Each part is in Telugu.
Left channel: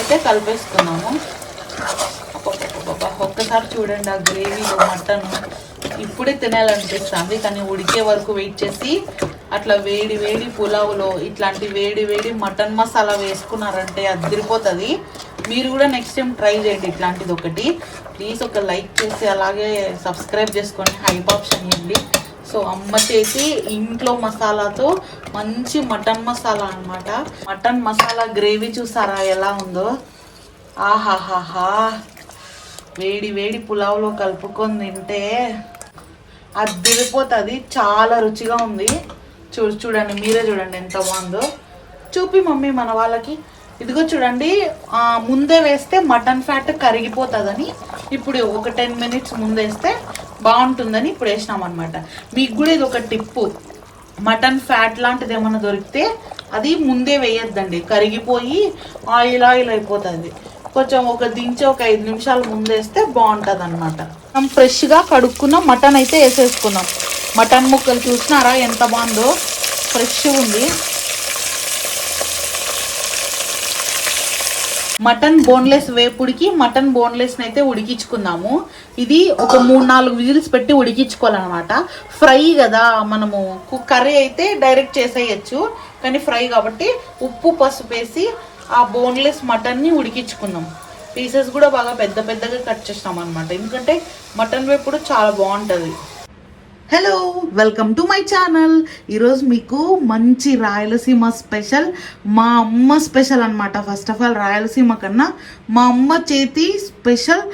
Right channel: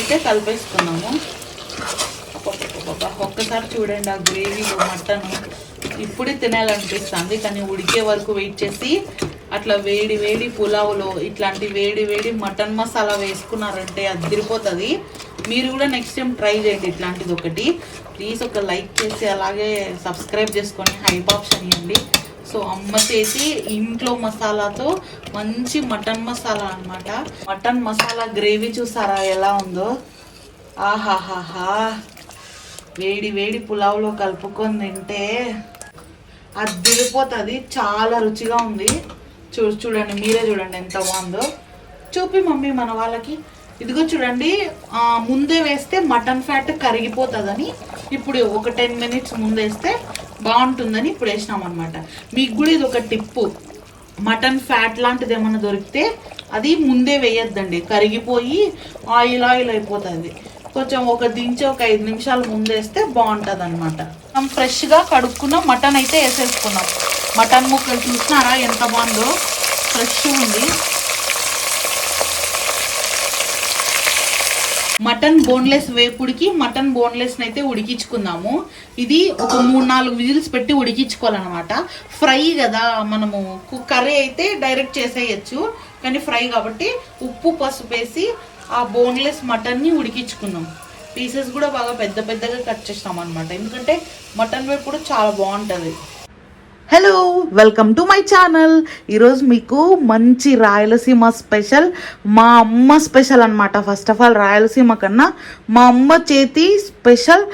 అయితే కలిపేసుకున్నాము. ఒక్కసారి చూడండి ఆ గ్రేవీ మటన్ ఇప్పుడే తినాలనిపిస్తుంది, కానీ ఉడికే వరకు వెయిట్ చేసి అట్లా వేడి వేడి పులావులో ఇట్లాంటి వేడి వేడి మటన్ మసాలా వేసుకున్నారంటే అదిరిపోతుంది. మీరు కూడా నెక్స్ట్ టైం ట్రై చేయండి ఇట్లాంటిది ఒకటి. ప్లీజ్ ఒక లైక్ చేసి అలాగే సబ్స్క్రైబ్ చేసుకొని హైప్ ఆప్షన్ ఇవ్వండి. సో అమ్మ చేసి ఇంట్లో మసాలాతో మంచి మటన్ మసాలా అన్నమాట. మటన్ మసాలా గ్రేవీ చూసారా ఎలా ఉందో, ఆహాహాహా. వేడి వేడి పులావులో కలుపుకొని తింటే అదిరిపోతుంది, చాలా రుచిగా ఉంది. చూడండి, మీరే చూడండి ఎంత బాగుందో. చూపి మమ్మీ మన వాళ్ళకి. ఇదిగో చూడండి, ముందే వేస్తే మటన్ ఫ్యాట్ కరిగిపోతుందని ఇప్పుడు ఒక 10 minutes ముందేస్తే బాగుంటుందని ఇప్పుడు వేసినాం అనమాట. మీకు కూడా ఇది ఒక టిప్పు, మటన్ ఫ్యాట్ లాంటిది ఏమన్నా దొరికితే అది ముందే వేయొద్దండి, కరిగిపోయి ఆయిల్ ఆయిల్ అయిపోతుంది. కొంచెం ఒక 5 నిమిషాలు ముందేస్తే బాగుంటుంది అనమాట. మనం ఫ్రెష్గా కడుక్కున్న మటన్ అయితే వేసేసుకున్నాం. మటన్ ముక్కలు చూస్తున్నారా ఎంత బాగుందో, ఫ్రెష్గా ఉంది. మటన్ బోన్లెస్ వేపుడికి మటన్ బోన్లెస్ అయితే ఉడికించుకుందాము. ఇది ఒక 3-4 విజిల్స్ పెట్టి ఉడికించుకోవాలన్నమాట. ఫ్రై కదా, మనము కర్రీ అయితే డైరెక్ట్ చేసేయచ్చు, కానీ ఫ్రై కాబట్టి ఉప్పు పసుపు వేసి ఆ బోన్లెస్ మటన్ ని ఉడికించుకుందాం. పీసెస్ కూడా బాగా పెద్ద పెద్దగా కట్ చేసినాం అనమాట, ఎందుకంటే మటన్ వేపుడు చాలా బాగుంటది. Hello, welcome to my channel. ఈరోజు మీకు మంచి రాయలసీమ స్పెషల్, మా అమ్మ స్పెషల్ అనమాట. ఫస్ట్ ఆఫ్ ఆల్ రాయలసీమ కన్నా మా అమ్మ చేతి స్పెషల్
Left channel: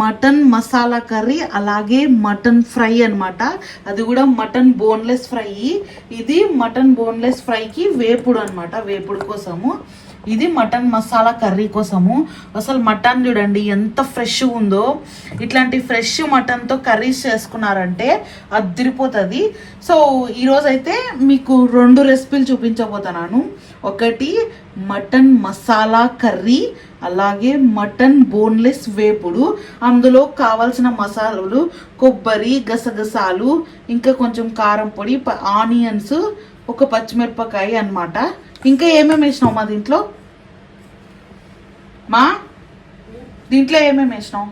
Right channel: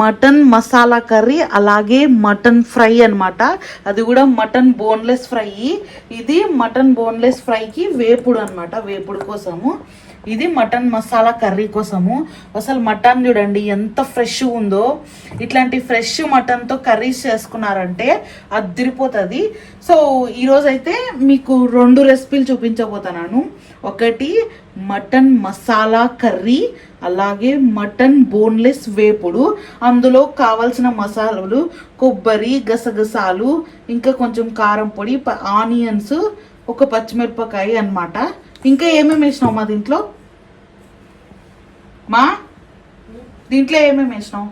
మటన్ మసాలా కర్రీ, అలాగే మటన్ ఫ్రై అనమాట. అది కూడా మటన్ బోన్లెస్ ఫ్రై. ఇది మటన్ బోన్లెస్ ఫ్రైకి వేపుడు అనమాట, వేపుడు కోసము. ఇది మటన్ మసాలా కర్రీ కోసము. అసలు మటన్ చూడండి ఎంత ఫ్రెష్ ఉందో. ఇట్లాంటి ఫ్రెష్ మటన్తో కర్రీస్ చేసుకున్నారంటే అదిరిపోతుంది. సో ఈరోజు అయితే మీకు 2 రెసిపీలు చూపించబోతున్నాను. ఒకటి మటన్ మసాలా కర్రీ, అలాగే మటన్ బోన్లెస్ వేపుడు. అందులో కావాల్సిన మసాలాలు కొబ్బరి, గసగసాలు, ఇంకా కొంచెం కారం పొడి, ఆనియన్స్, ఒక పచ్చిమిరపకాయ అన్నమాట. ఇంకా ఏమేమి వేసినావు మా దీంట్లో? దీంట్లో ఏమేమి వేసినావు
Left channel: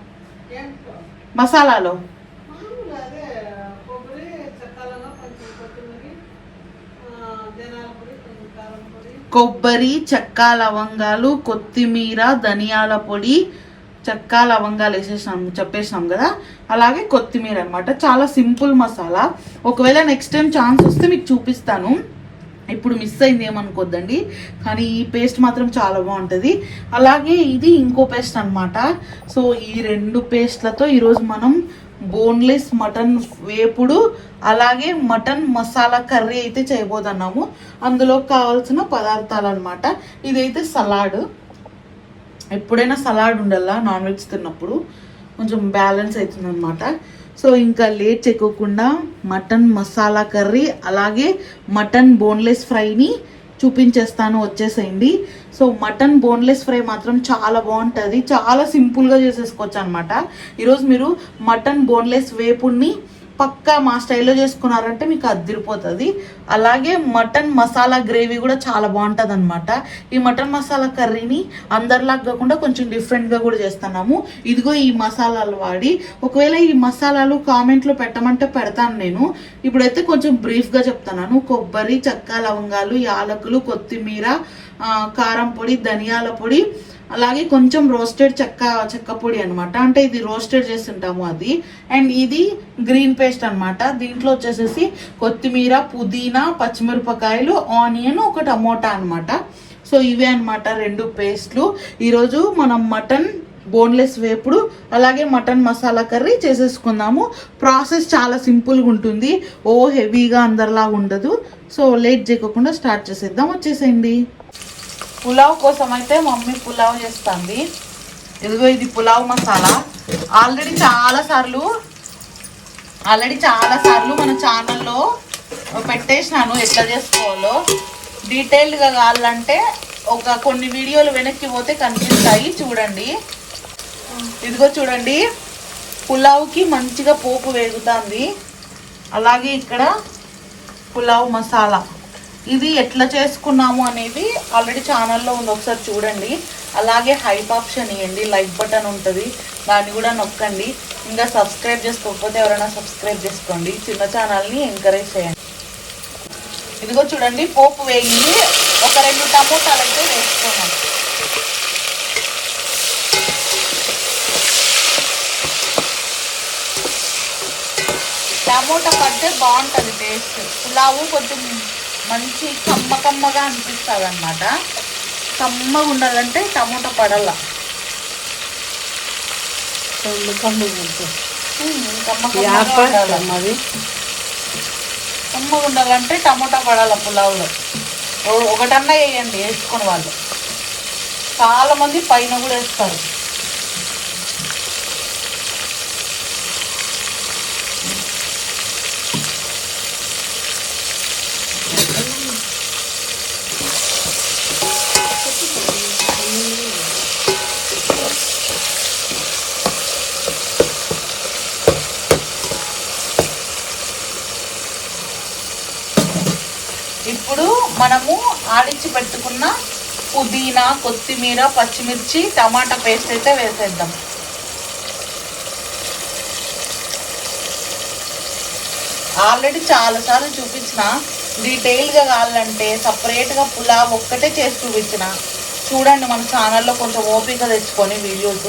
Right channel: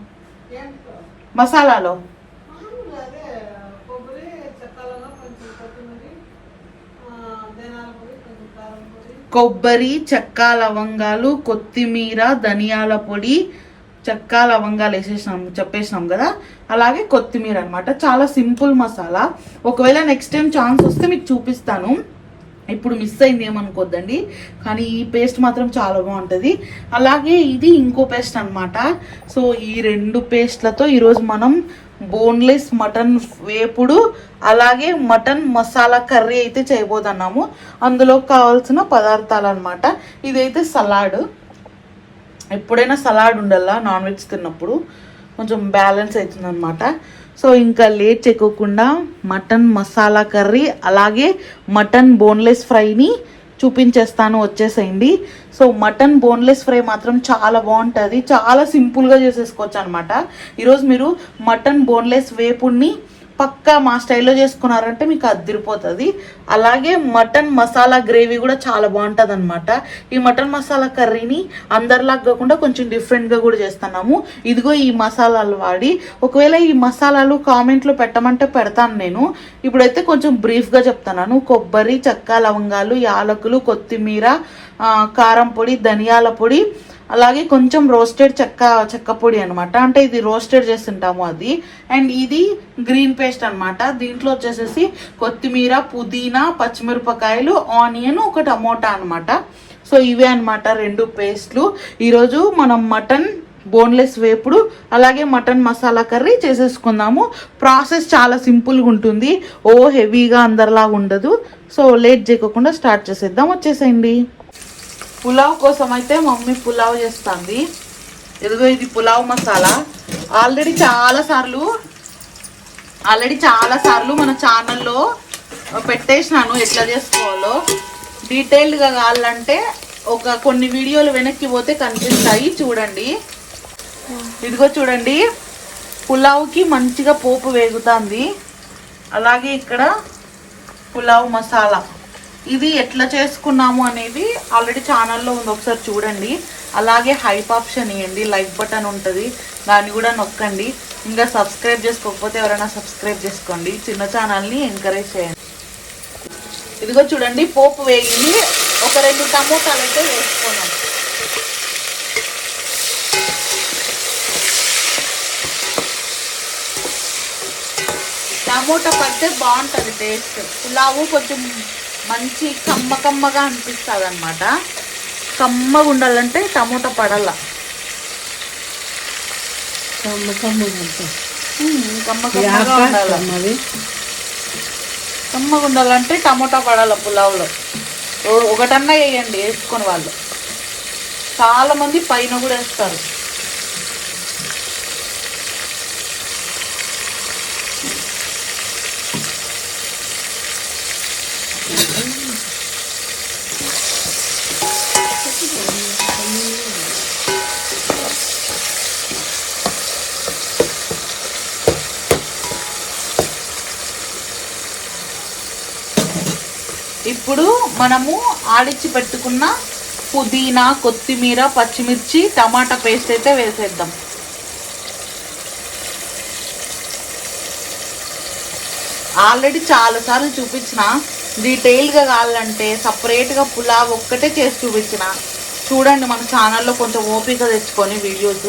మసాలాలో? కొబ్బరి, చెక్క, లవంగాలు, కొత్తిమీర, ధనియాల పొడి, చెక్క లవంగాలు చెప్పేసినాం కదా, అలాగే కొత్తిమీర అనమాట. చాలా సింపుల్ మసాలా. ఒకవేళ నెక్స్ట్ టైం ఛాన్స్ వస్తే మీకు చూపిస్తాను, ఇప్పుడు మిస్ అయింది ఏమనుకోద్దండి. కానీ ఈ పేస్ట్ మాత్రం చాలా బాగుంటుంది. అలాగే ఇది ఇంకో పేస్ట్ అనమాట. సో ఈ 2 పేస్ట్లతో ఈరోజు మనం బోన్లెస్ మటన్ వేపుడు అలాగే మటన్ మసాలా కర్రీ అయితే చేయబోతున్నాము. అందులో కావాల్సిన పదార్థాలు అనమాట. ఇదైతే సలాడ్. ఎప్పుడైనా సలాడ్ ఉండాలా నాన్ వెజ్ తిన్నప్పుడు, కొంచెం బ్యాలెన్స్ అవుతుంది అనమాట. సో ఇంకా లేట్ చేయకుండా మటన్ మసాలా కర్రీ అలాగే మటన్ బోన్లెస్ ఫ్రైని చూపించేస్తాను, వచ్చేసేయండి. సో మటన్ బోన్లెస్ ఫ్రై మాత్రం చాలా బాగుంటుంది, చాలా సింపుల్గా చేసేసుకోవచ్చు అనమాట. ఈరోజు మీరు మటన్ బోన్లెస్ వేపుడిని పక్కా మా స్టైల్లో చేసుకున్నారంటే మీకు అదిరిపోతుంది. అలాగే మటన్ మసాలా గ్రేవీ కూడా చాలా బాగుంటుంది అనమాట. ఈ మటన్ మసాలా కర్రీని అందరిలాగా కాకుండా కొంచెం డిఫరెంట్గా కూడా చేస్తున్నాము. ఇదిగో ఈ మసాలాలు వాడి, ఒకవేళ ఈ మసాలాలు కామెంట్లో పెట్టమంటే పెడతాను నేను. ఇప్పుడైతే కొంచెం బ్రీఫ్గా చెప్తున్నాను. కొబ్బరి, చెక్క, లవంగాలు, యాలకులు, కొత్తిమీర, కారం పొడి, ధనియాల పొడి, అలాగే కొంచెం రోస్టెడ్ చెక్క పొడి అనమాట. అంటే ఇది రోస్టెడ్ చేస్తుంటాము అది. అండ్ ఇది గ్రీన్ పేస్ట్ అనమాట. దీంట్లో వచ్చేసేసి కొత్తిమీర, పుదీనా, పచ్చిమిరపకాయలు, ఆనియన్, ఒక టమోటా అనమాట. సో ఇవే అనమాట 2 పేస్ట్లు. ఈరోజు మనం మటన్ బోన్లెస్ వేపుడు అలాగే మటన్ మసాలా కర్రీ చేసేసుకుందాము. ప్రాసెస్ చాలా సింపుల్గా ఉంటుంది, ఓ హెవీగా అందరిలాగా ఉండదు. సో లేట్ చేయకుండా స్టార్ట్ చేసేద్దాం, వచ్చేసేయండి. పులావ్ కోసం అయితే మమ్మీ పులావ్ చేస్తుంది. ఇదిగో ఇది పులావ్ మసాలా. ఆల్రెడీ చాలా సార్లు మన ఛానల్లో పెట్టేసినాను ఎట్లా చేసుకోవాలో. డీటెయిల్డ్గా కావాలంటే కొన్ని వీడియోలు వెనక్కి పోతే కనిపిస్తాయి, చూడండి. ఇదిగో చూడండి, పులావ్కి మంచిగా పోపు వేగుతుంది. అలాగే ఇక్కడ పులావ్ మసాలా ఇది ఎట్లా చేసుకున్నాము అనేది ఆల్రెడీ ఛానల్లో ఉంది, ఒకసారి చూడండి. అలాగే హైప్ ఆప్షన్ ఇవ్వండి, లైక్ బటన్ ఉంటుంది, దాన్ని కూడా నొక్కండి. ఇంకా సబ్స్క్రైబ్ చేసుకోకపోతే ఎవరైనా సబ్స్క్రైబ్ చేసుకోండి, చిన్న ఛానల్ని ఎంకరేజ్ చేయండి. ఇదిగో చూడండి పోపు వేగింది, ఒక 2 టమోటాలు అయితే వేసుకున్నాం. టమోటా పడితే బాగుంటుంది టేస్ట్. పులావు కొంచెం మంచి కమ్మగా అనిపిస్తుంది అనమాట. కమ్మగా ఉండాలంటే టమోటా పడాల. కమ్మగా ఉండాలంటే టమోటా పడాల పులావులో. ఒకటన్నా వేయండి వేసుకొని వాళ్ళు. చాలా మంది పైన కూడా వేస్తారు. ఇప్పుడు మనము ఆడిచ్చి పెట్టుకున్న పుదీనా, కొత్తిమీర, పచ్చిమిర్చి, టమాటా పేస్ట్ అయితే వేసేద్దాం. ఆల్రెడీ చాలాసార్లు చూపించిన, డీటెయిల్గా కావాలంటే సపరేట్గా పులావ్ ఒక్కటే చేసి చూపించిన. చూడండి మన ఛానల్లో కొంచెం ఓపిక తెచ్చుకొని వీడియోస్.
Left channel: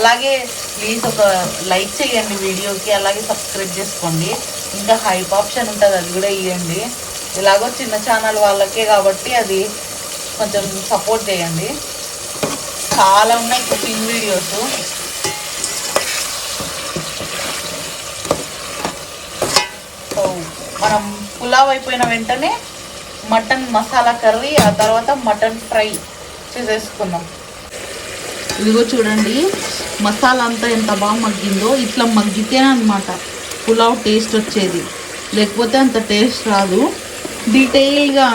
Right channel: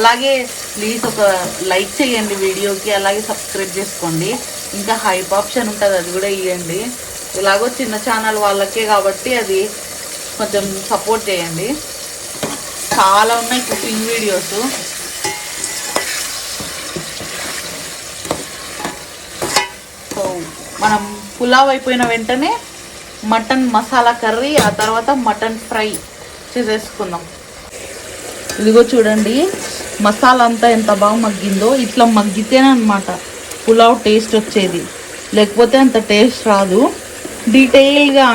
అలాగే ప్లీజ్ ఒక లైక్ చేయండి వీడియోకి, అలాగే సబ్స్క్రైబ్ చేసుకోండి. ఇంకా హైప్ ఆప్షన్ ఉంటుంది, అది కూడా ఇవ్వండి. ఇలాగో చిన్న ఛానల్ వాళ్ళకే కాబట్టి అది కొంచెం సపోర్ట్ చేయండి. చాలా ఉన్నాయి కుకింగ్ వీడియోస్. సో మనం పులావ్ అయిపోయిన వెంటనే మటన్ మసాలా కర్రీ, ఆ తర్వాత మటన్ ఫ్రై చేసేసుకున్నాం. ఇదిగో చూడండి మసాలా అంతా ఎంత బాగా మగ్గిందో. ఇట్లా మగ్గితేనే అనమాట పులావ్ టేస్ట్ వచ్చేది, లేకపోతే అంత టేస్ట్ రాదు. డీటెయిల్గా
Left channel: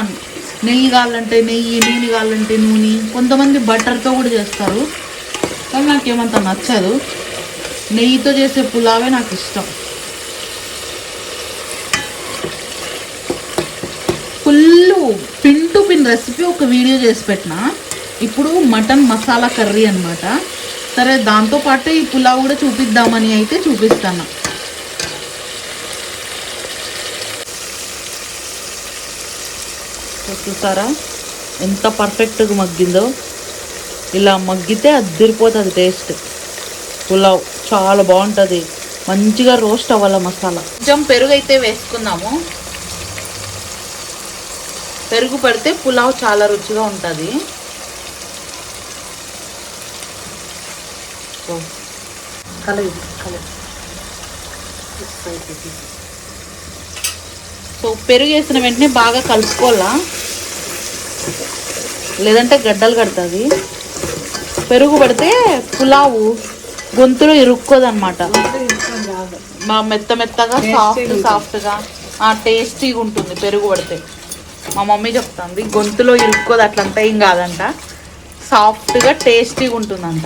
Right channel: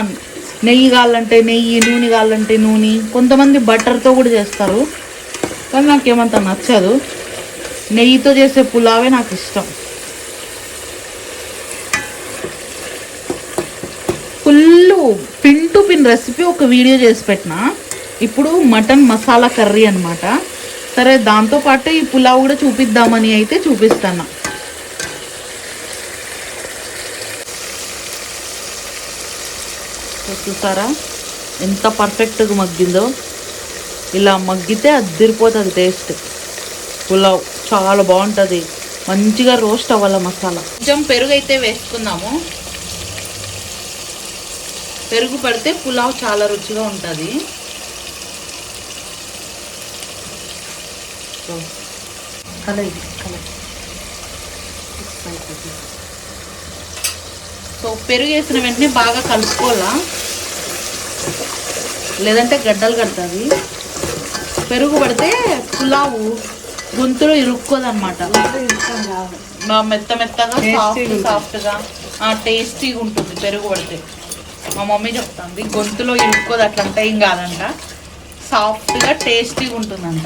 నెయ్యి కావాలంటే నెయ్యి, నూనె కావాలంటే నూనె, కొంతమంది బటర్తో కూడా చేస్తారు, కానీ నాకేమంత నచ్చదు. నెయ్యితో చేసే పులావే నాకు ఇష్టం. Full pin to pin recipe ఒక వీడియో చేసి పెట్టిన. ఇప్పుడు మటన్ మసాలా కర్రీ అనమాట. సరే దాంతోపాటు ఈ పులావ్ కూడా చూపిద్దామని అయితే చూపిస్తాను. చూసారా ఎంత పర్ఫెక్ట్గా మగ్గిందో. ఇలా మగ్గితే అదిరిపోతుంది టేస్ట్. పులావ్ చాలా బాగుంటుంది, మంచిగా రోస్ట్ అవ్వాలి మసాలా. కొంచెం పెరుగు అయితే వేసుకుందాము. పెరుగు పడితే పులావ్ చాలా రుచిగా ఉంటుంది. సో పెరుగు వేసిన వెంటనే బాగా కలుపుకోవాలా, లేదంటే గడ్డలు కడుతుంది. పెరుగు పడితే పులావు గొంతులో ఇరుక్కోదన్నమాట. మెత్తగా సాఫ్ట్గా టేస్టీగా ఉంటుంది పెరుగు పడితే. మా మమ్మీ చెప్తుంది గొంతులో ఇరుక్కోదు, అట్లంటే ఏం కాదంట, సాఫ్ట్గా టేస్టీగా ఉంటుందంట,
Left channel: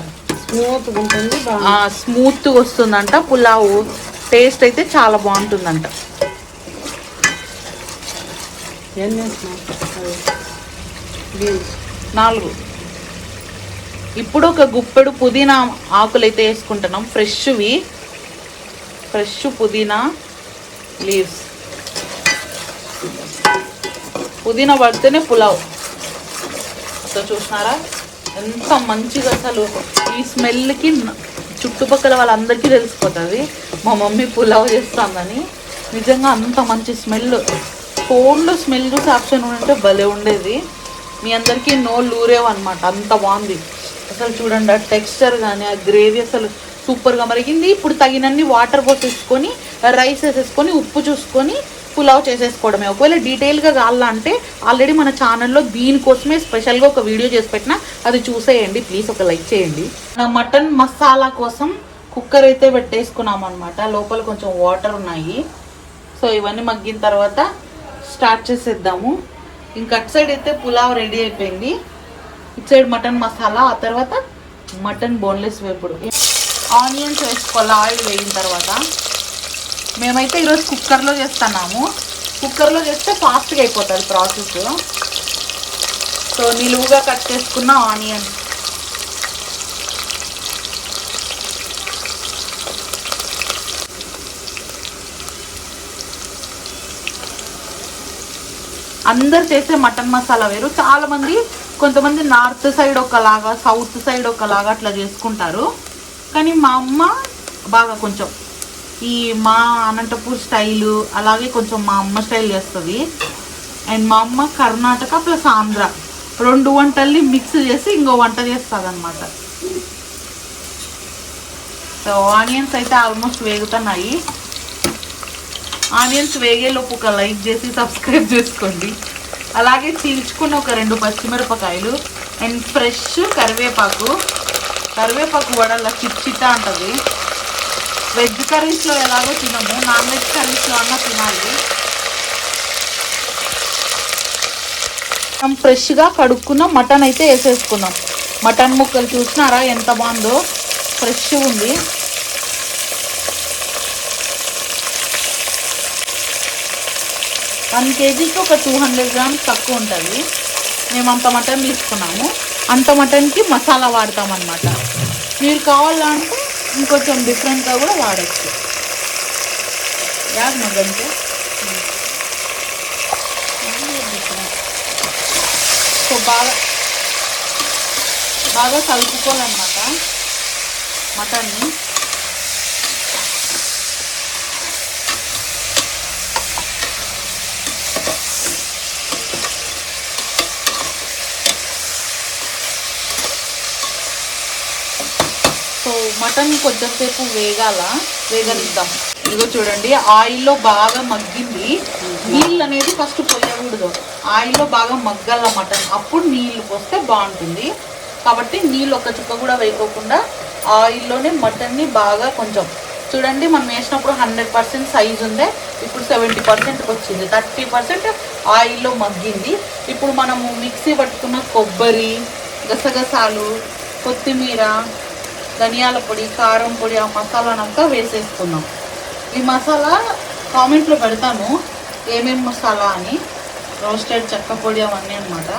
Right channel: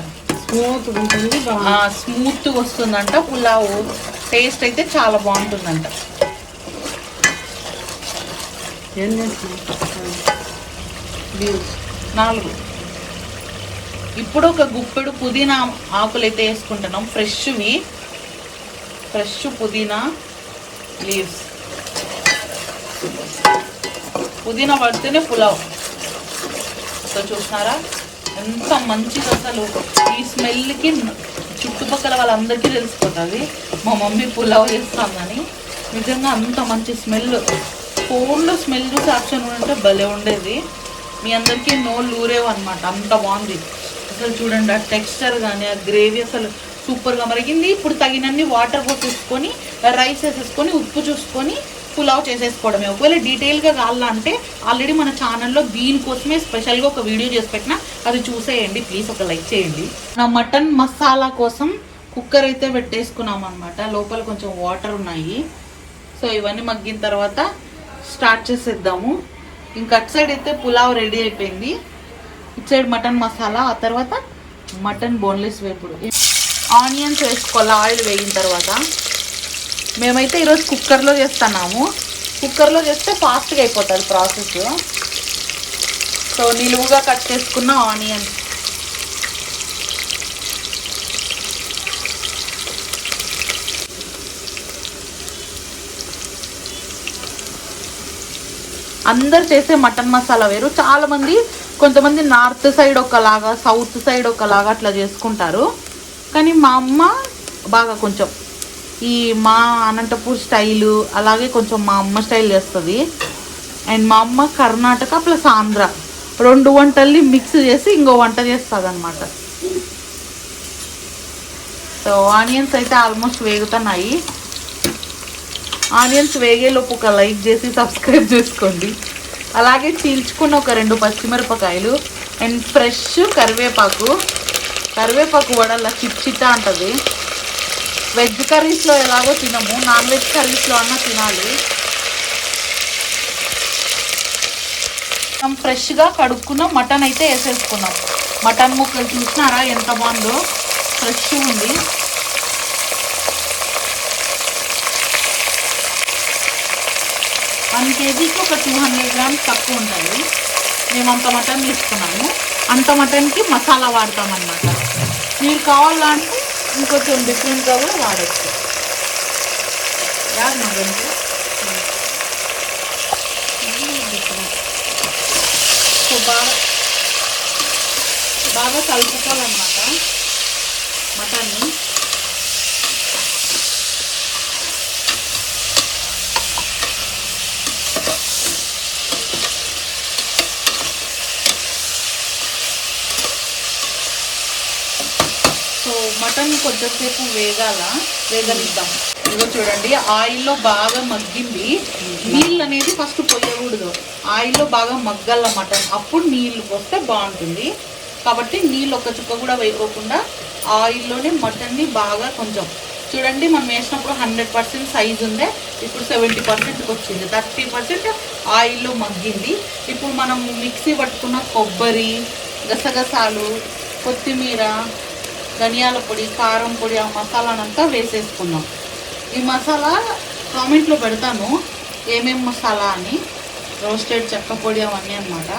స్మూత్గా వస్తుందంట పులావు. టేస్ట్ అయితే చాలా బాగుంటుందంట. 4. ఇప్పుడు ఒక గుప్పెడు పుదీనా ఆకులు అయితే వేసుకుంటున్నాం, ఫ్రెష్ పుదీనా లీవ్స్. పుదీనా పడితేనే పులావ్. సో చూసినారా ఎంత మంచిగా, అసలు ఈ స్మెల్కి చుట్టుపక్కల వాళ్ళందరికీ తెలిసిపోతుంది మా మమ్మీ పులావ్ చేస్తుందని. నిజంగా అంత మంచి స్మెల్. ఫోన్లో స్మెల్ చూసి ఆప్షన్ ఉంటే భలే ఉండేది. మీ అందరికీ నోళ్ళు ఊరేవన్నమాట, అంత బాగుంది. అసలు చూడండి ఆ టెక్స్చర్ కానీ ఆ గ్రేవీ అసలు సూపర్గా మరిగింది. ఇప్పుడు తగినన్ని వాటర్ పోసేసుకొని రైస్ వేసేసుకొని ఉప్పు చూసుకొని పులావ్ చేసేసుకోవడమే. ఒకవేళ డీటెయిల్గా కావాలంటే ఆల్రెడీ మన ఛానల్లో దీనికోసమే స్పెషల్గా ఒక వీడియో చేసి పెట్టినా, అది చూసేయండి. ప్లీజ్ ఒక లైక్ చేయండి. నా మటన్ మసాలా కోసం కుక్కర్ అయితే పెట్టేసుకున్నాం అనమాట. లోపల కొంచెం వాటర్ ఉన్నాయి. సో ఇవన్నీ మగ్గిన తర్వాత స్టార్ట్ చేసేద్దాము. ఇంకా అటు సైడ్ అయితే పులావ్ రెడీ అయిపోయింది. ఇటు సైడ్ మటన్ మసాలా, ఆ తర్వాత మటన్ బోన్లెస్ వేపుడు. ఆనియన్స్ వేసుకోవాలి ఆయిల్ వేగిన తర్వాత. మేమైతే ఈరోజు కుక్కర్లో చేస్తున్నాము. కుక్కర్లో చేస్తే ఫాస్ట్గా అయిపోతుంది ప్రాసెస్. సో నిలువుగా కట్ చేసుకున్న ఆనియన్, అందరు చేసే మటన్ మసాలా వేరు. చాలా మంది, కొంతమంది నార్త్ సైడ్ ఒకలాగా, సౌత్ సైడ్ ఒకలాగా అట్లా చేసుకుంటారు. కానీ మా అమ్మ బాగా కొంచెం ఈ మా అనంతపూర్ స్టైలు అలాగే కొంచెం మా అమ్మ స్టైల్ చేస్తుంది. అండ్ మా అమ్మ కర్ణాటక ప్లస్ ఆంధ్ర 2 వంటల్ని మిక్స్ చేసి ఇంకో వంట చేస్తుంది అనమాట. సో ఆనియన్స్ అయితే ఆల్మోస్ట్ వేగుతున్నాయి. ఆనియన్స్ వేగేలోపు ఒక లైక్ చేసి సబ్స్క్రైబ్ చేసుకోండి. అలాగే చీల్చుకున్న ఒక 2 పచ్చిమిరపకాయలు అండ్ ఫ్రెష్ కరివేపాకు. కరివేపాకు వడల చిట్చిట్టా ఉంటుంది. వెజ్ కర్రీస్లో ఎలాగో తినము, నాన్ వెజ్ కర్రీస్లో అన్నా తినాలి. మనం ఫ్రెష్గా కడుక్కున్న మటన్ అయితే వేసేసుకున్నాం. మటన్ ముక్కలు చూసినారా ఎంత బాగుందో, ఫ్రెష్ ఉంది. వన్ కేజీకి ఒక 200 గ్రామ్స్ తక్కువ ఉంటుంది. మేము అంత మటన్ తీసుకున్నాము. అంత మటన్కి మసాలా వాడతామన్నమాట. మీరు కావాలంటే ఇంకొంచెం డిఫరెంట్గా కూడా వాడచ్చు. యాడ్ మటన్కి సో బాగా కలుపుకోవాలన్నమాట మటన్ని. సో మటన్ కొంచెంసేపు వేగనిద్దాం. ఇదిగో చూడండి, ఆయిల్లో బాగా మగ్గింది. నీళ్ళు అనేది ఫస్ట్ పోయకూడదు, ఆయిల్లో బాగా మగ్గాల మటన్. అప్పుడు నీళ్లు పోస్తే బాగుంటుంది. కాబట్టి నీళ్ళు ఒక చుక్క కూడా వేయకోకుండా ఆయిల్లోనే మటన్ని బాగా కొంచెం చూడండి. మనం వేసినప్పుడు 100% సైజ్ ఉందే, ఇప్పుడు 70%కి వచ్చింది. 30% ఆయిల్లో మగ్గింది. ఇప్పుడు మనము మిక్సీ పట్టుకున్న కొబ్బరి, గసగసాలు, కొత్తిమీర, ధనియాల పొడి, కారం పొడి, ఆ మసాలానంతా వేసేసుకున్నాం. ఈ మసాలా కామెంట్లో పెడతాను ఏమేమి మసాలా అని, రోస్టెడ్ చెక్క పొడి అవన్నీ అనమాట.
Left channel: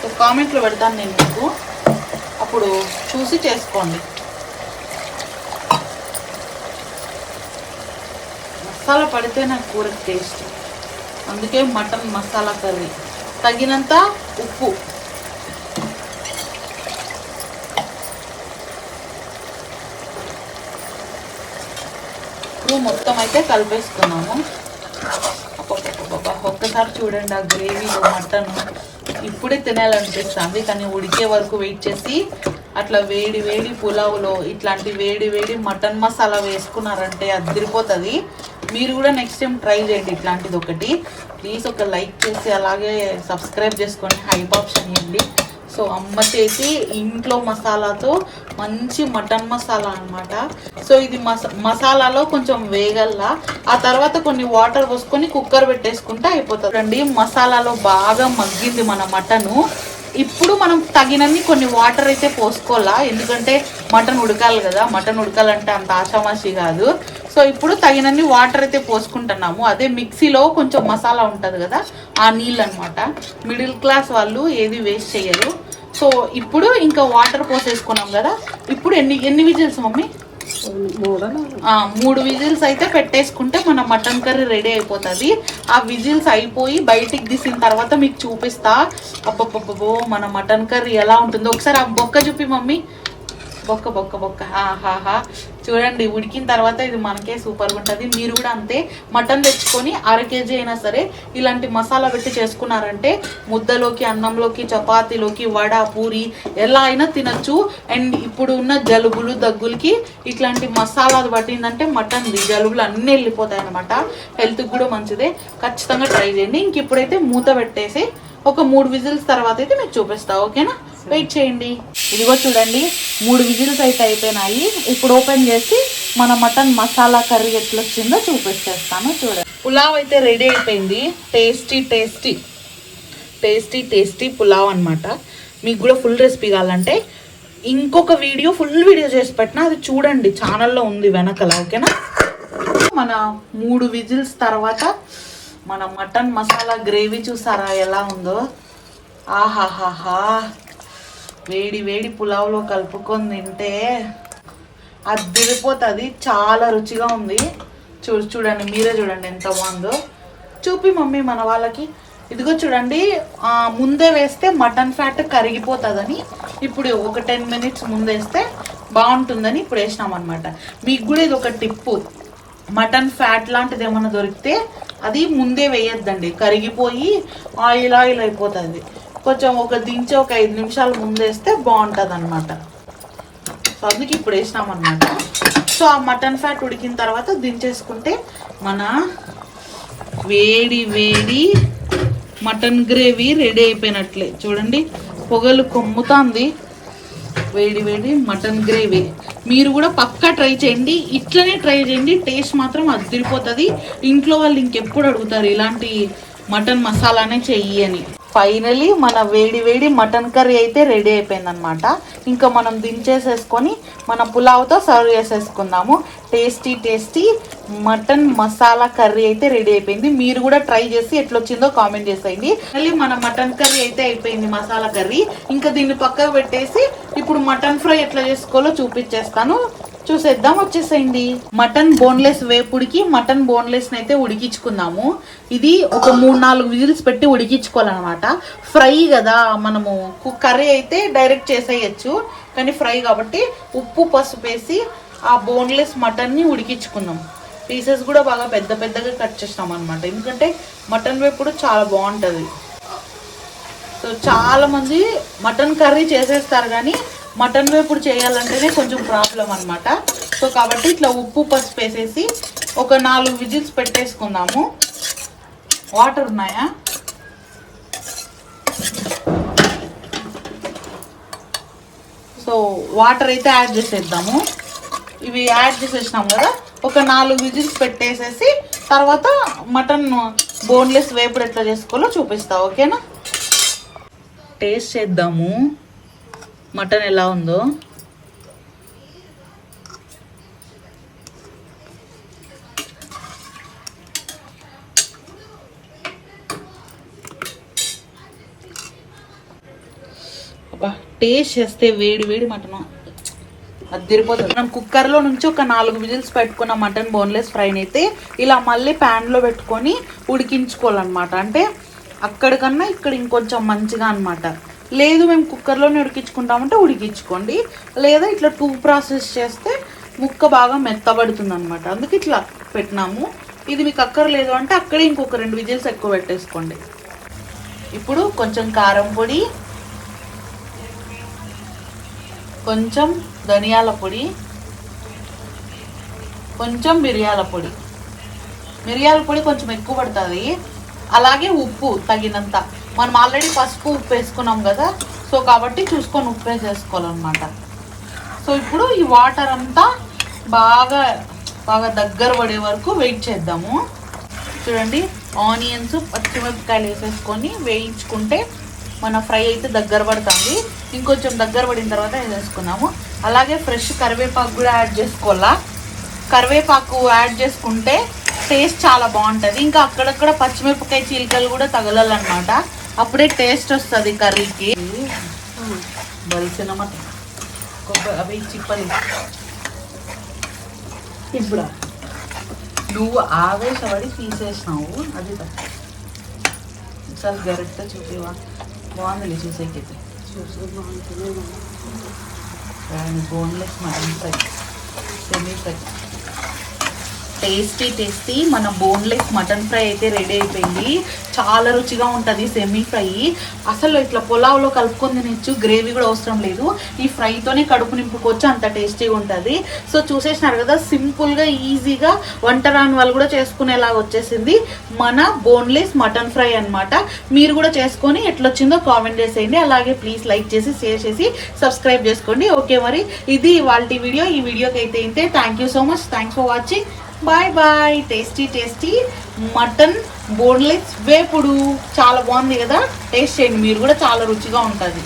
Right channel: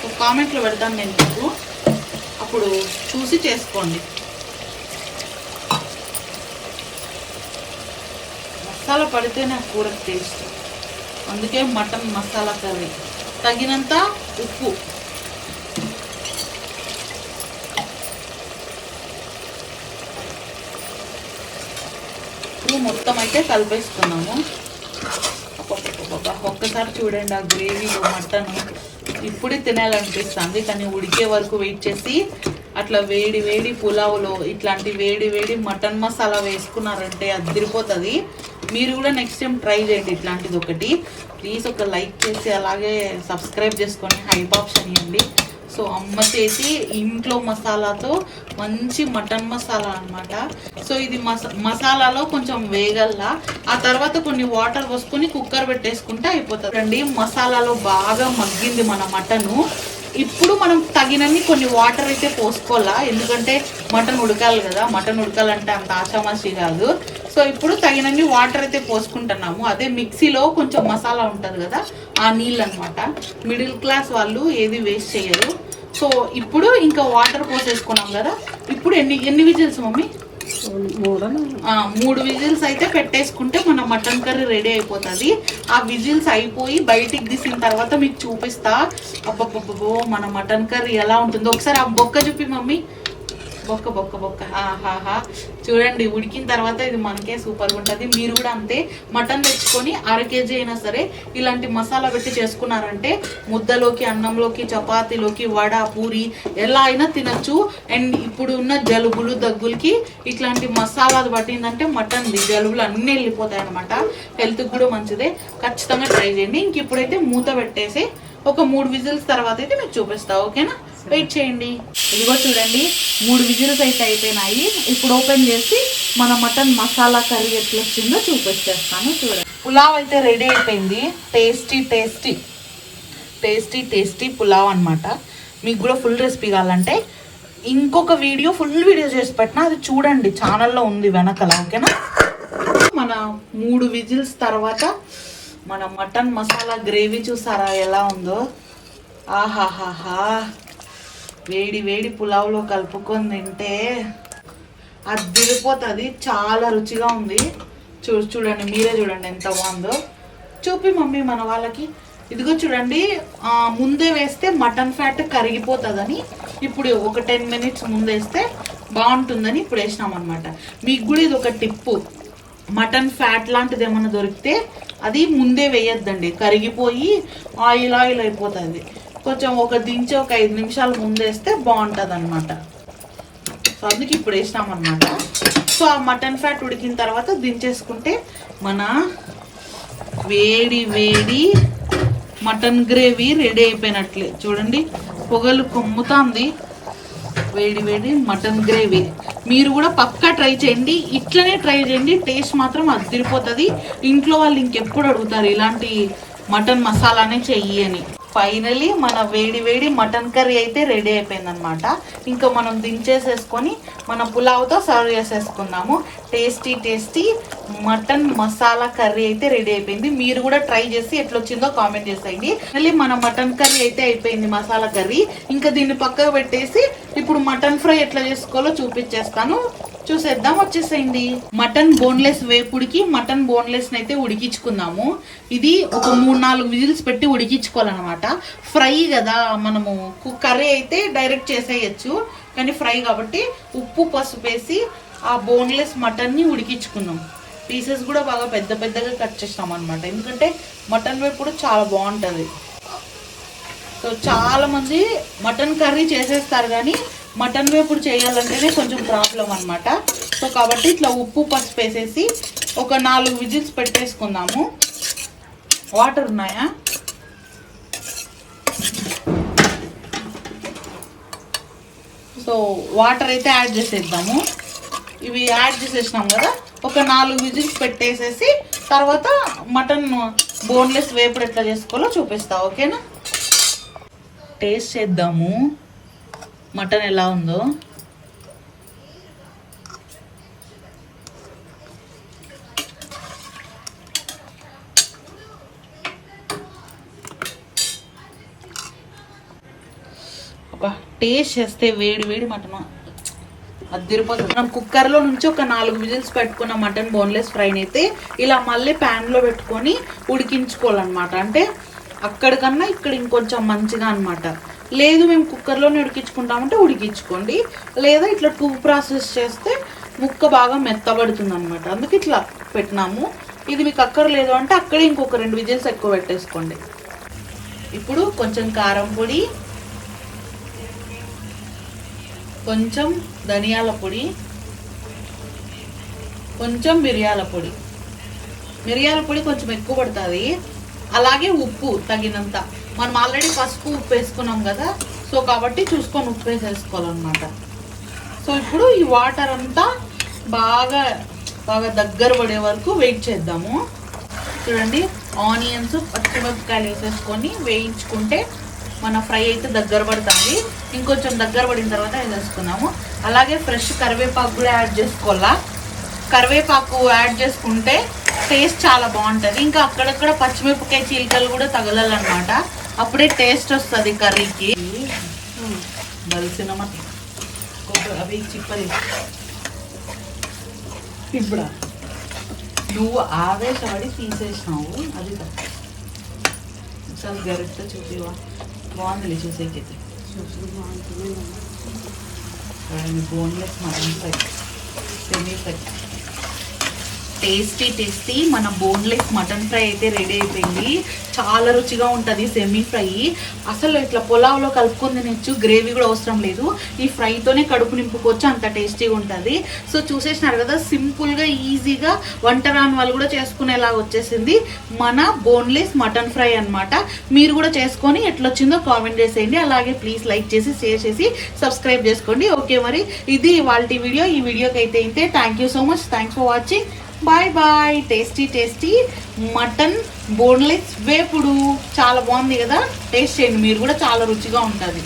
సో కామెంట్లో పెడతాను నేను మీకు, అప్పుడు చూసి చేసుకోండి. మసాలా పడితే నాకు కూరకు టేస్ట్, అందుకే మటన్ మసాలా కర్రీ. తగినంత ఉప్పు, మొత్తం అయితే కలిపేసుకున్నాము. ఒక్కసారి చూడండి ఆ గ్రేవీలో మటన్ ఇప్పుడే తినాలనిపిస్తుంది. కానీ ఉడికే వరకు వెయిట్ చేసి అట్లా వేడి వేడి పులావులో ఇట్లాంటి వేడి వేడి మటన్ మసాలా వేసుకున్నారంటే అదిరిపోతుంది. మీరు కూడా నెక్స్ట్ టైం ట్రై చేయండి ఇట్లాంటిది ఒకటి. ప్లీజ్ ఒక లైక్ చేసి అలాగే సబ్స్క్రైబ్ చేసుకొని హైప్ ఆప్షన్ ఇవ్వండి. సో అమ్మ చేసి ఇంట్లో మసాలాతో మంచి మటన్ మసాలా అనమాట. సో ఇది మసాలాలో కొంచెం వేగల్లా, ఆ తర్వాత కొన్ని వాటర్ పోసుకొని కుక్కర్ పెట్టేసుకుంటే అయిపోతుంది అండి. మసాలాలో బాగా మగ్గింది మన మటను. ఇప్పుడు మనం తగినన్ని కొన్ని వాటర్ అయితే పోసుకోవాలా, ఎందుకంటే మటన్ ఉడకాలి కదా. మటన్ ఉడకాలంటే అంత ఆషామాషి కాదు. సో ఇప్పుడు తగినన్ని వాటర్ అయితే పోసుకుంటున్నాము. అదే మిక్సీలో కొంచెం మసాలా ఉంటుంది కదా, ఆ నీళ్ళు అనమాట. మిడిల్ క్లాస్ వాళ్ళు ఏది వేస్ట్ చేయరు. సో ఇప్పుడు ఇంకా వాటర్ పోసేసుకున్నాం కదా. ఇప్పుడు ఎన్ని విజిల్స్ మమ్మీ? 3 విజిల్స్ అయితే పెట్టేసుకుంటే మన మటన్ కర్రీ రెడీ అయిపోతుంది. ఆ విజిల్స్ అయిపోయి బయటికి తీసిన తర్వాత మీకు చూపిస్తా. అబ్బబ్బబ్బో మన మటన్ కర్రీ ఎలా ఉంటుందో ఒకసారి ఆ బొక్క చూపి మమ్మీ. బొక్క బొక్క బొక్క ఆహాహా, చూడండి ఉడికిన తర్వాత ఇది మనకే సూపర్గా ఉంటుంది. మీరు కూడా అంతే, మటన్ తెచ్చుకొని 1/2 kg అయినా సరే ఇలాంటి మసాలా పెట్టి చేసుకున్నారంటే ముద్దలోకి, అన్నంలోకి, చపాతీలోకి, వడ, పూరి ఎలా అయినా తినచ్చు. అండ్ ఇప్పుడు ఉన్న జలుబులు దగ్గులకి ఇట్లాంటి మసాలా పట్టిందంటే మటన్ జలుబులు అన్నీ వెళ్ళిపోతాయి అనమాట. హెల్త్కి కూడా మంచిదే. ఖచ్చితంగా ట్రై చేయండి. ఇంక ఇప్పుడైతే మూత పెట్టేసి ఒక 3 విజిల్స్ తర్వాత అయితే మీకు చూపిస్తా. ఓకేనా, వెయిట్ చేయండి. ఇదిగో చూడండి 3 విజిల్స్ అయితే అయిపోయినాయి. ఇప్పుడు ఓపెన్ చేసి మన మటన్ మసాలా కర్రీ ఎట్లా వచ్చిందో చూపించేస్తాను. చూడండి, పులావ్ అయితే రెడీ అయిపోయింది. Tasty tasty tasty tasty pulao అనమాట. మీకు కూడా ఫుల్ రెసిపీ కావాలంటే ఇంకొక వీడియో, ఫుల్ వీడియో చేసి పెట్టినా, అది చూడండి ఛానల్లో ఉంది వెనకల. ఓకేనా, మన 3 విజిల్స్ తర్వాత మన మటన్ మసాలా గ్రేవీ చూసారా ఎలా ఉందో. ఆహాహాహా, వేడి వేడి పులావ్లో కలుపుకొని తింటే అది దిగిపోతుంది. చాలా రుచిగా ఉంది. చూడండి, మీరే చూడండి ఎంత బాగుందో. చూపి మమ్మీ మన వాళ్ళకి. ఇదిగో చూడండి, ముందే వేస్తే మటన్ ఫ్యాట్ కరిగిపోతుందని ఇప్పుడు ఒక 10 minutes ముందేస్తే బాగుంటుందని ఇప్పుడు వేసినాం అనమాట. మీకు కూడా ఇది ఒక టిప్పు. మటన్ ఫ్యాట్ లాంటిది ఏమన్నా దొరికితే అది ముందే వేయొద్దండి, కరిగిపోయి ఆయిల్ ఆయిల్ అయిపోతుంది. కొంచెం దించి ఒక 5 నిమిషాలు ముందేస్తే బాగుంటుంది అనమాట. సో అందుకే ఇప్పుడు వేసినాం అనమాట. సో ఆ మటన్ ఫ్యాట్ ఉడికిన తర్వాత దించేసుకుంటే మన వేడి వేడి మటన్ గ్రేవీ రెడీ అయిపోయినట్లే. చూడండి, పొగలు కొమ్ముతుంది. వేడి వేడి మటన్ గ్రేవీ మీరు కూడా పక్కా ట్రై చేయండి. ఇట్లనే ట్రై చేయండి, టేస్ట్ మాత్రం అదిరిపోతుంది. ఇంట్లో వాళ్ళు ఇంకెప్పుడు అడుగుతారు ఇలాంటి మటన్ మసాలానే చెయ్యి అని. ఫైనలీ మన వేడి వేడి మటన్ కర్రీ అయితే రెడీ అయిపోయింది అనమాట. ఇంకా మనం దించేసేసుకొని మన పులావ్తో సర్వ్ చేసేసుకుందాము. Tasty tasty mutton masala curry అయితే రెడీ అయిపోయింది. మీరు కూడా ట్రై చేసి ఎట్లొచ్చిందో కామెంట్ చేసేయండి. మళ్ళీ మన మటన్ కర్రీ అయితే అయిపోయింది, మసాలా కర్రీ. ఇంకా దీన్ని పక్కకు పెట్టేసి ఇప్పుడు మటన్ ఫ్రై ఎట్లా చేసుకోవాలో చూపించేస్తాను, చూసేద్దాం. వచ్చేసేయండి. మటన్ బోన్లెస్ వేపుడికి మటన్ బోన్లెస్ అయితే ఉడికించుకుందాము. ఇది ఒక 3-4 విజిల్స్ పెట్టి ఉడికించుకోవాలన్నమాట. ఫ్రై కదా, మనము కర్రీ అయితే డైరెక్ట్ చేసేయచ్చు, కానీ ఫ్రై కాబట్టి ఉప్పు పసుపు వేసి ఆ బోన్లెస్ మటన్ ని ఉడికించుకుందాం. పీసెస్ కూడా బాగా పెద్ద పెద్దగా కట్ చేసినాం అనమాట, ఎందుకంటే మటన్ వేపుడు చాలా బాగుంటది. సో చాలా మంది మటన్ కర్రీ చేసేస్తారు, కానీ మటన్ వేపుడు చేయాలంటేనే కొంచెం ప్రాబ్లం అనమాట. సో కాబట్టి ఇట్లా ఉప్పు పసుపు వేసేసి ఒక 4 విజిల్స్ పెట్టేసుకుందాము. వాటర్ ఉన్నాయా? సో వాటర్ అయితే యాడ్ చేసేద్దాము. ఇవి యాడ్ చేసేసినాం కదా, ఒక 4 విజిల్స్ పెట్టేసేసి తర్వాత మటన్ బోన్లెస్ వేపుడు ఎట్లా చేసుకోవాలో చూపిస్తా, ఓకేనా? టేస్ట్ చేద్దాము మటన్ ఎలా ఉందో. టేస్ట్ చేస్తే వేడి వేడి మటన్ అదిరిపోతుంది. మనం కుక్కర్లో నుంచి ఒక 4 విజిల్స్ పెట్టుకున్న మటన్ బోన్లెస్ ఫ్రైని అయితే ఇలా మళ్ళీ ప్యాన్లో పెట్టుకొని ఉడికించుకోవాలన్నమాట. అంటే అక్కడికన్నా ఇక్కడ ఇంకొంచెం మంచిగా అనమాట. లేదు మేము కుక్కర్లోనే ఉడికించుకుంటామంటే ఉడికించుకోండి, లేదా ఇట్లా 2 ప్రాసెస్ చేస్తే ముక్క బాగా మెత్తబడుతుంది అనమాట. అందుకే ఇట్లా పెట్టినాము. ఇది మీకు అక్కర్లేదు అంటే అక్కడే ఇంకొక 2 విజిల్స్ ఎక్కువ పెట్టేసుకోండి. ఇప్పుడు కొంచెం కారం పొడి, కొంచెం ధనియాల పొడి, కొంచెం మిరియాల పొడి. మిరియాల పొడి కొంచెం ఎక్కువ పడుతుంది. అలాగే ఉప్పు తగినంత. మనం ఆల్రెడీ పసుపు ఉప్పు వేసుకున్నాం కదా, సో కాబట్టి చూసుకొని ఉప్పు వేసేసుకోవాలన్నమాట. సో ఇప్పుడు ఈ వాటర్ అంతా బాగా బాగా దగ్గర పడే వరకు వెయిట్ చేద్దాము. చూడండి, ఆనియన్స్ పచ్చిమిరపకాయలు వేసేసుకొని వేయించుకుంటే మన ఫ్రై అయితే దగ్గర పడుతుంది. ఇంకొంచెం దగ్గర పడిన తర్వాత వేసేసుకున్నాము. అలాగే ఫ్రెష్ కరివేపాకు కూడా యాడ్ చేసుకోవాలా. కరివేపాకు యాడ్ చేసుకుంటే టేస్ట్ చాలా బాగుంటుంది. ఇంకా అక్కడక్కడ పచ్చిమిరపకాయ చీలికలు కూడా తగలాలన్నమాట, అప్పుడే టేస్ట్ వస్తుంది కర్రీకి. బలిసిన అవి చిప్పది. ఇప్పుడు నువ్వు ఆవేశపడి తీసేసినావు, అది ఒకసారి గరిటతో చూపివా. బాగుంది చూసేకైతే. Boneless mutton fry, semi fry. Tasty tasty మన బోన్లెస్ మటన్ ఫ్రై అయితే రెడీ అయిపోయింది. చాలా రుచిగా ఉంటుంది సెమీ ఫ్రై. అసలు ఇట్లా పులావ్లో కలుపుకొని తినచ్చు, గ్రేవీ కూడా అవసరం లేదు. ఈ ఫ్రైతోనే కడుపు నింపుకోవచ్చు, అంత టేస్టీగా ఉంటుంది. సో చూసేసినారు కదా, సింపుల్గా ఈజీగా వంట రాని వాళ్ళు కూడా చేసుకునేలాగా వచ్చేసింది మన బోన్లెస్ మటన్ ఫ్రై అనమాట. మీరు కూడా చేసుకొని ఎట్లొచ్చిందో కామెంట్ చేసేయండి. అలాగే ప్లీజ్ లైక్ చేసి షేర్ చేసి సబ్స్క్రైబ్ చేసుకోండి. ఓకే, మరి ఇది ఇవాళ వీడియో. ఈ వీడియోకి అయితే ఇంతే. Thank you so much. Thanks for watching. Bye bye. Tasty tasty mutton boneless వేపుడు చాలా బాగుంది కదా, టేస్ట్ చేయండి మీరు కూడా, చాలా రుచిగా ఉంటుంది.